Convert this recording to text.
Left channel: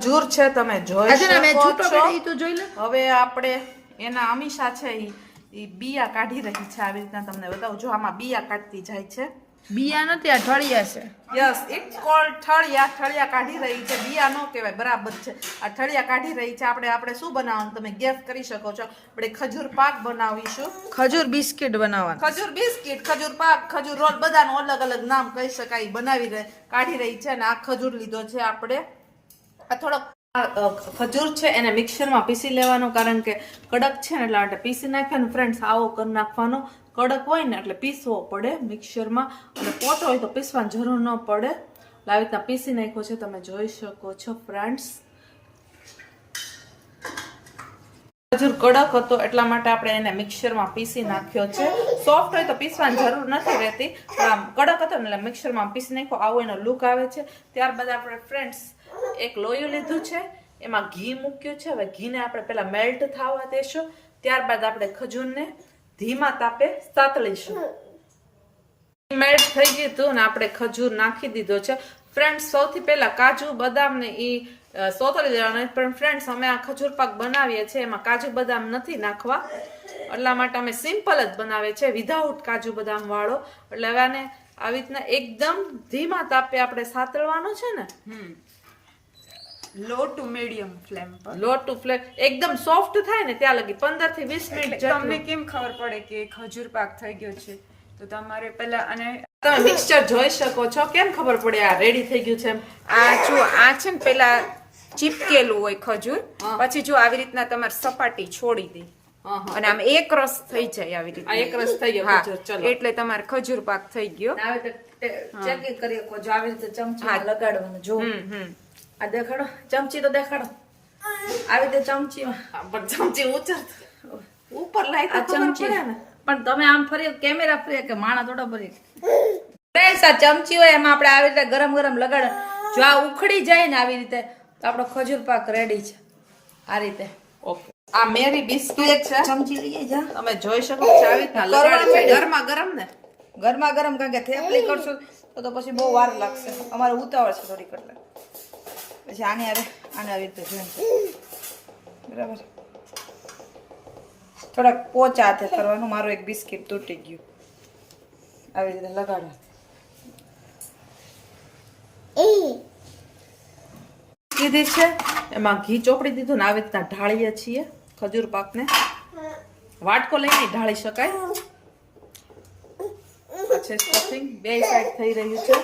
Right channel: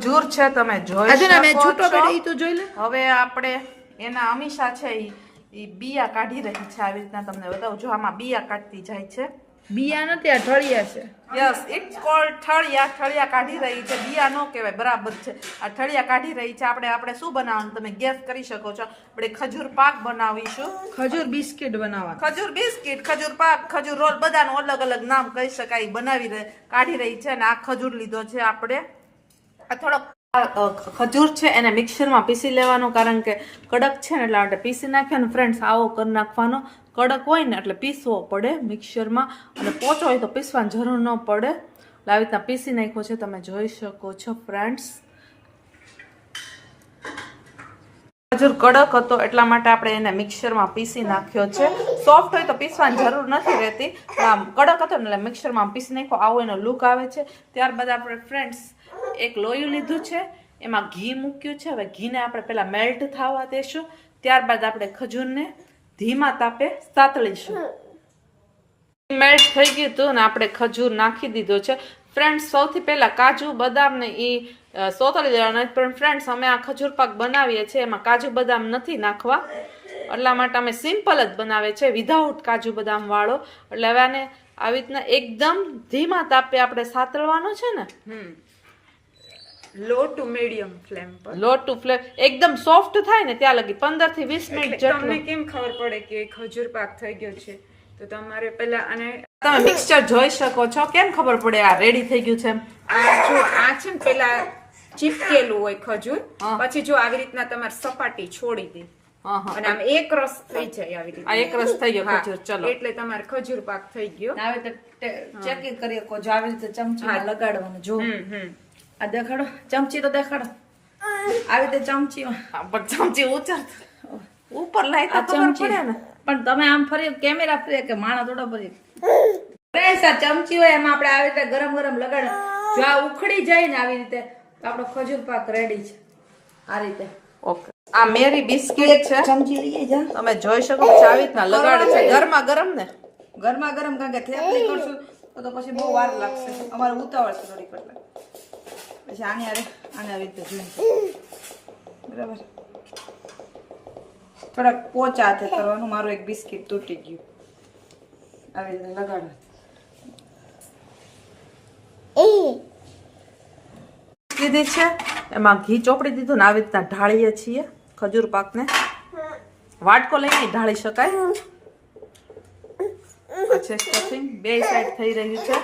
ખજૂર છે તમે જોઈ શકો છો। જોઈ લે હવે આપણે એના અમીષા છે ઈ બિયા કાઢી રહી છે। આવી રીતના તમને બતાવું, જો આમાં બિયા કાઢતી જાય છે। બિયા નથી, આ ઠળિયા છે। Yes, it's cold ઠળિયા। ઠળિયા કાઢી રહી છે, બિયા નો કહેવાય, બરાબર છે। આ ઠળિયા કાઢી રહી છે। આપણે શું બનાવવાનું તમે ગેસ કરી શકો છો। આપણે ખજૂર પાક બનાવીશું, ખજૂર બિસ્કિટ બનાવવાનું। ખજૂર બિસ્કિટ, ખજૂર પાક, ખજૂર રોલ, બધાનું અલગ અલગ નામ કહી શકાય। કાઢી રહી છે। અને આ ખજૂર લીધો છે આપણે। આ થોડોક ખજૂર છે એને મિક્સરમાં પીસી લેવાનો, કારણ કે કડક છે ને એટલે માટે પીસી નાખ્યા ને ફ્રેન્ડ્સ આવો કરી નાખવાનો। કડક હોય ને એટલે પીસવો પડે મિક્સરમાં, અને પોચો હોય તો પીસવાની જરૂર ન પડે। એટલે આવી રીતના પીસી નાખ્યો છે, તમે જોઈ શકો છો ફ્રેન્ડ્સ। ખજૂર કડક હતો એટલા માટે આપણે એને મિક્સરમાં પીસી નાખ્યો છે। સોફ્ટ હોય તો પીસવાની જરૂર નથી રહેતી, આમ કડક હતો ને એટલે મિક્સરમાં પીસી નાખ્યો, આવો એનો લુક આવે છે। ત્યારબાદ આપણે ફ્રેન્ડ્સ એક લોયું લીધું છે, એમાં ઘી મૂક્યું છે। હવે ઘીને આપણે પેલા મેલ્ટ થવા દેશું, ત્યારબાદ આપણે ખજૂરને ધીમા તાપે સાતળીશું। મેલ્ટ થઈ ગયું હતું ને આપણે ખજૂર નાખી દીધો છે ફ્રેન્ડ્સ। સૌથી પહેલા કાજુ બદામ ને એ સોતળી દેવાના, પણ ફ્રેન્ડ્સ અમે આ ખજૂર પાક બનાવીએ છીએ એમાં કાજુ બદામ નથી નાખવા, એટલા માટે અમે સિમ્પલ જ બનાવીએ છીએ વિધાઉટ કાજુ બદામ વાળો। એટલે હવે આને આવી રીતના એકદમ ધીમા તાપે આપણે સાતળવાનો છે ને, લો ટુ મીડિયમ ફ્લેમ પર। લો ટુ ફ્લેમ, એકદમ સોફ્ટ થાય ને ત્યાં લગી 15 થી 20 મિનિટ જેટલું। તમને કેમ ખબર પડે કે ખજૂર પાક થઈ ગયો છે? તો તમારે પહેલા આને તમે મિક્સચર જોઈ શકો છો, કેમ ખબર પડે આ રેડી થઈ ગયું છે? આ જો આ છે ને પેલા ચીપકેલું હોય ખજૂર, પછી જો આવી રીતના તમારે સપાટી છોડી દે અને આમ એક રસ થઈ જાય આવી રીતે। આ એક રસ થઈ ગયો ખજૂર, ચલો એટલે તમારે ખજૂર પાક થઈ ગયો। હવે તો ચેકિંગ કરીએ કો જો આવી રીતે ચમચી લગાડવાનું। જો આ દેખાડો, ચમચી તો દેખાડો, આવી રીતે ચમચી પણ ચમચી ઊંચા ઉપર લાઈ તો આ ખબર ચમચી પડે ને। પણ તમે આમ ફરી કેમેરા ફરી કે માણા થોડો ફરી ફ્રેન્ડ્સ આ ચમચી હોય એમાં આપણે આવી રીતે ગરમ ગરમ લગાડે, જો આ ઉખડી જાય ને આવી રીતે તો આપણો ખજૂર પાક રેડી છે। આ રીતે ઓકે, આ મેરી બિસ્કિટ છે, ચમચી લઈ જા, તમે જોઈ શકો છો આવી રીતના લગાડે છે ગરમા ગરમ ને। ગરમા ગરમ, કારણ કે થેપલી કરશું તો પછી બહુ વાર લાગશે, અમારે ઉતાવળ છે થોડી કરતા। પછી આને આવી રીતે જોઈ, બરાબર, થોડાક પોચા હાથે કરવાનું। મારું એક બિસ્કિટ તૂટી ગયું, આવી રીતે લગાડો। કીધી છે એમાં ઘી ચોપડી દીધું ને આવી રીતના ઢાળીએ છીએ ખજૂર પાકને। વાટકો લઈને ઢાળી શકાય। પછી સ્ટફિંગ બે સાઈડ થઈ રહ્યું છે।